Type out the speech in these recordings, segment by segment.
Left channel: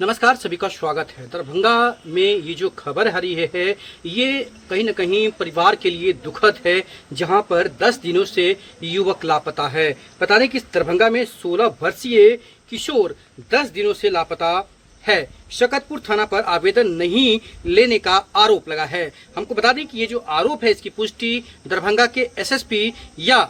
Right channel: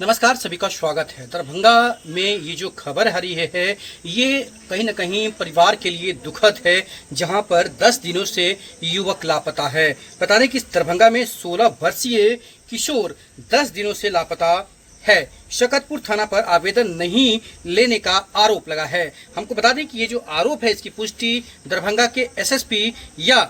नमस्कार, सभी का स्वागत है। दरभंगा में ये जो खबर आ रही है ये कहीं न कहीं परिवार के लिए दुखद है, जहां पर 10 दिनों से युवक लापता है। बता दें कि दरभंगा में 16 वर्षीय किशोर 10 दिनों से लापता है। शकतपुर थाना पर आवेदन नहीं लेने का आरोप लगा है। हमको बता दें कि ये जो आरोप है इसकी पुष्टि दरभंगा के एसएसपी या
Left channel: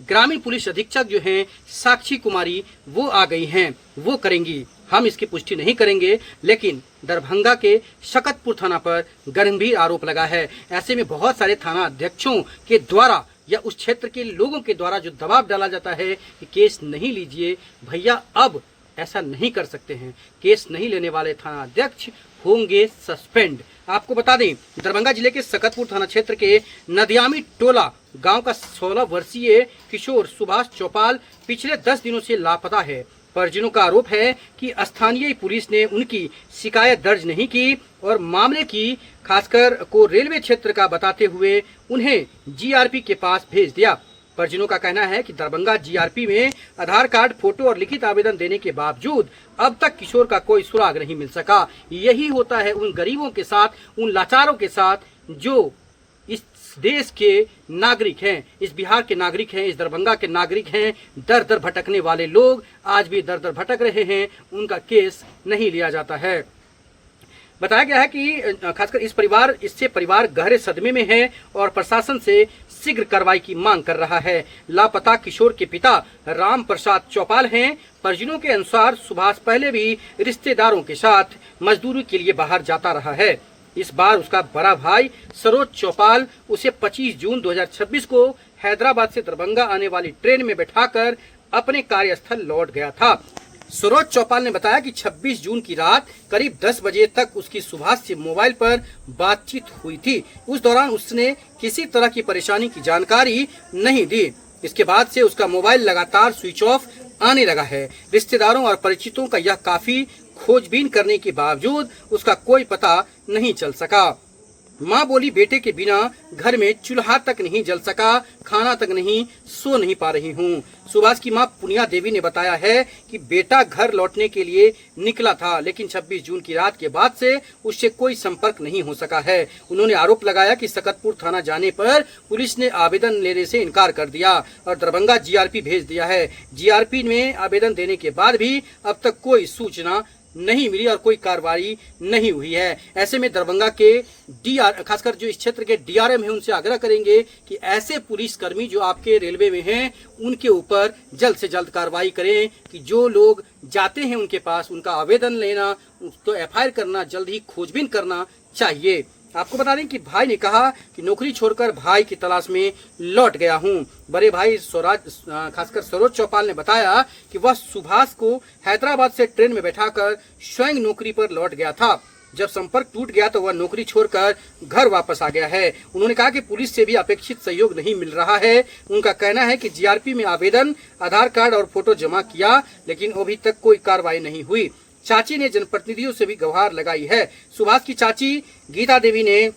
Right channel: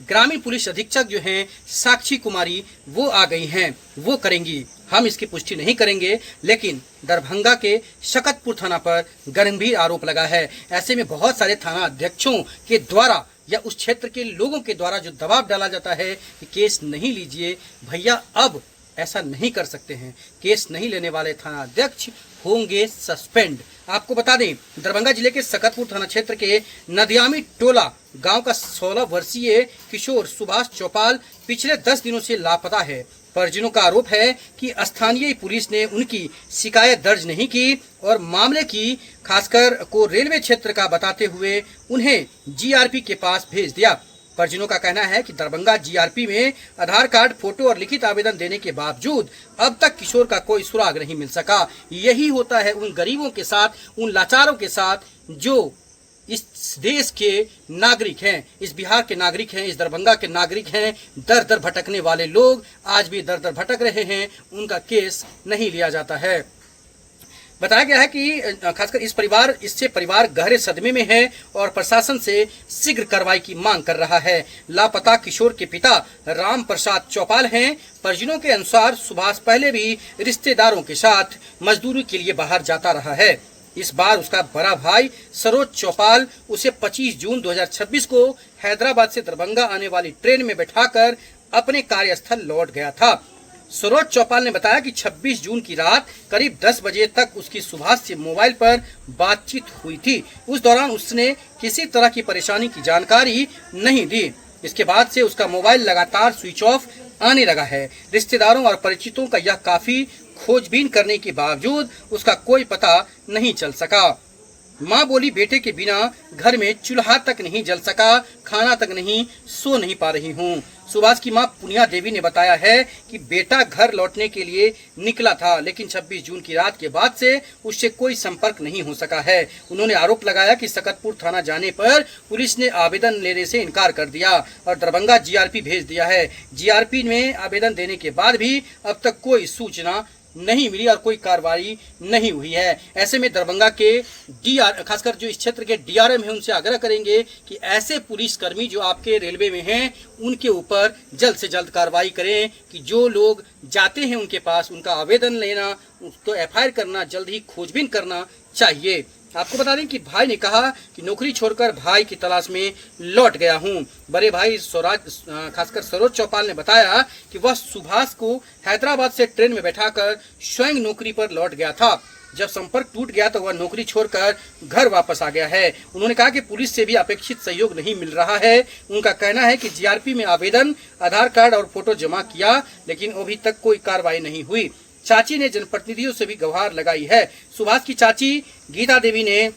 ग्रामीण पुलिस अधीक्षक जो हैं साक्षी कुमारी वो आ गई हैं, वो करेंगी। हम इसकी पुष्टि नहीं करेंगे, लेकिन दरभंगा के शकतपुर थाना पर गंभीर आरोप लगा है। ऐसे में बहुत सारे थाना अध्यक्षों के द्वारा या उस क्षेत्र के लोगों के द्वारा जो दबाव डाला जाता है कि केस नहीं लीजिए भैया, अब ऐसा नहीं कर सकते हैं। केस नहीं लेने वाले थाना अध्यक्ष होंगे सस्पेंड। आपको बता दें, दरभंगा जिले के सकतपुर थाना क्षेत्र के नदियामी टोला गांव का 16 वर्षीय किशोर सुभाष चौपाल पिछले 10 दिनों से लापता है। परिजनों का आरोप है कि स्थानीय पुलिस ने उनकी शिकायत दर्ज नहीं की और मामले की खासकर को रेलवे क्षेत्र का बताते हुए उन्हें जीआरपी के पास भेज दिया। परिजनों का कहना है कि दरभंगा जीआरपी में आधार कार्ड, फोटो और लिखित आवेदन देने के बावजूद अब तक किशोर का कोई सुराग नहीं मिल सका। यही होता है उन गरीबों के साथ, उन लाचारों के साथ जो इस देश के नागरिक हैं, इस बिहार के नागरिक हैं, इस दरभंगा के नागरिक हैं। दर दर भटकने वाले लोग आज भी दर दर भटक रहे हैं, उनका केस नहीं लिया जाता है। बताया गया है कि खासकर इससे परिवार गहरे सदमे में है और प्रशासन से शीघ्र कार्रवाई की मांग कर रहा है। लापता किशोर के पिता राम प्रसाद चौपाल हैं। परिजनों के अनुसार सुभाष पहले भी रिश्तेदारों के साथ मजदूरी के लिए बाहर जाता रहा है। इस बार उसका बड़ा भाई सरोज चौपाल उसे 25 जून 2026 को हैदराबाद से दरभंगा आने वाली ट्रेन में बैठाकर अपने कार्यस्थल लौट गया था। सरोज चौपाल ने बताया कि 26 जून की रात करीब 10 बजे तक उसकी सुभाष से मोबाइल पर बातचीत हुई थी। उस दौरान उसने किसी तरह की परेशानी की जानकारी नहीं दी। इसके बाद से उसका मोबाइल लगातार स्विच ऑफ आने लगा है। रिश्तेदारों और परिचितों का यह काफी खोजबीन करने के बावजूद उसका कोई पता नहीं चल सका। माँ बोली, बेटे के बिना घर में चूल्हा तक नहीं जल सका, खाना तक नहीं, सो नहीं पा रही हूँ। सुभाष की माँ पुनिया देवी ने बताया है कि बेटा घर लौटने के लिए निकला था, लेकिन 26 जून की रात के बाद से उससे कोई संपर्क नहीं हो सका है। उन्होंने आरोप लगाया कि सकतपुर थाना जाने पर पुलिस ने आवेदन लेने से इनकार कर दिया और दरभंगा जीआरपी भेज दिया है। जीआरपी में आवेदन देने के बाद भी अब तक कोई सूचना नहीं मिली और कोई कार्रवाई नहीं हुई है। ऐसे में दरभंगा के खासकर जो इस क्षेत्र के डीआरएम है उनसे आग्रह करेंगे कि ऐसे पुलिसकर्मी जो आपके रेलवे में हैं उनके ऊपर जल्द से जल्द कार्रवाई करें कि जो लोग जाते हैं उनके पास उनका आवेदन लेना, तो एफआईआर करना, जल्द ही खोजबीन करना चाहिए। आपको बता दें कि भाई ने कहा कि नौकरी छोड़कर भाई की तलाश में लौट गया हूं। बड़े भाई खासकर सरोज चौपाल ने बताया कि वह सुभाष को हैदराबाद से ट्रेन में बैठाकर स्वयं नौकरी पर लौट गया था। जब संपर्क टूट गया तो वह नौकरी छोड़कर घर वापस आ गया है। उन्होंने कहा कि पुलिस से भी अपेक्षित सहयोग नहीं मिल रहा है। उनका कहना है कि जीआरपी में आवेदन, आधार कार्ड और फोटो जमा किया, लेकिन अभी तक कोई कार्रवाई नहीं हुई। चाची ने जनप्रतिनिधियों से भी गुहार लगाई है। सुभाष की चाची गीता देवी ने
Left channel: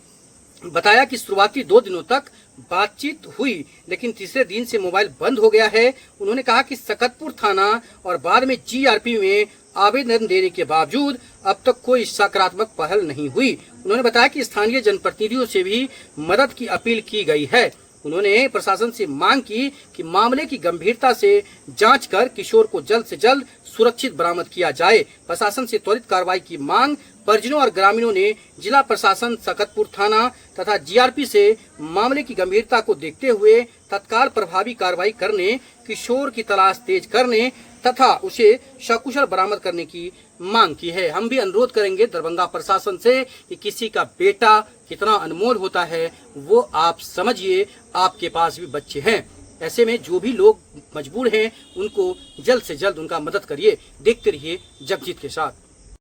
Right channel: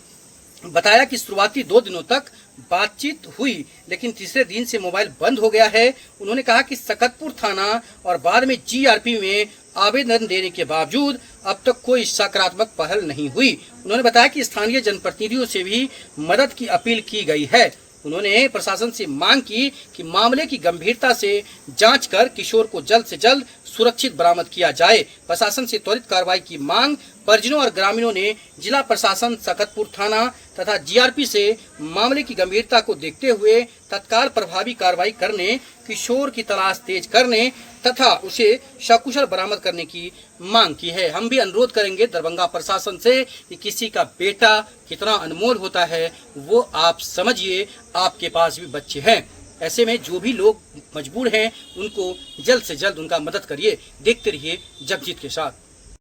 बताया कि शुरुआती 2 दिनों तक बातचीत हुई, लेकिन तीसरे दिन से मोबाइल बंद हो गया है। उन्होंने कहा कि सकतपुर थाना और बाद में जीआरपी में आवेदन देने के बावजूद अब तक कोई सकारात्मक पहल नहीं हुई। उन्होंने बताया कि स्थानीय जनप्रतिनिधियों से भी मदद की अपील की गई है। उन्होंने प्रशासन से मांग की कि मामले की गंभीरता से जांच कर किशोर को जल्द से जल्द सुरक्षित बरामद किया जाए। प्रशासन से त्वरित कार्रवाई की मांग परिजनों और ग्रामीणों ने जिला प्रशासन, सकतपुर थाना तथा जीआरपी से मामले की गंभीरता को देखते हुए तत्काल प्रभावी कार्रवाई करने, किशोर की तलाश तेज करने तथा उसे सकुशल बरामद करने की मांग की है। हम भी अनुरोध करेंगे दरभंगा प्रशासन से कि किसी का बेटा कितना अनमोल होता है वो आप समझिए, आपके पास भी बच्चे हैं। ऐसे में जो भी लोग मजबूर हैं उनको जल्द से जल्द उनका मदद करिए। देखते रहिए जगजीत के साथ।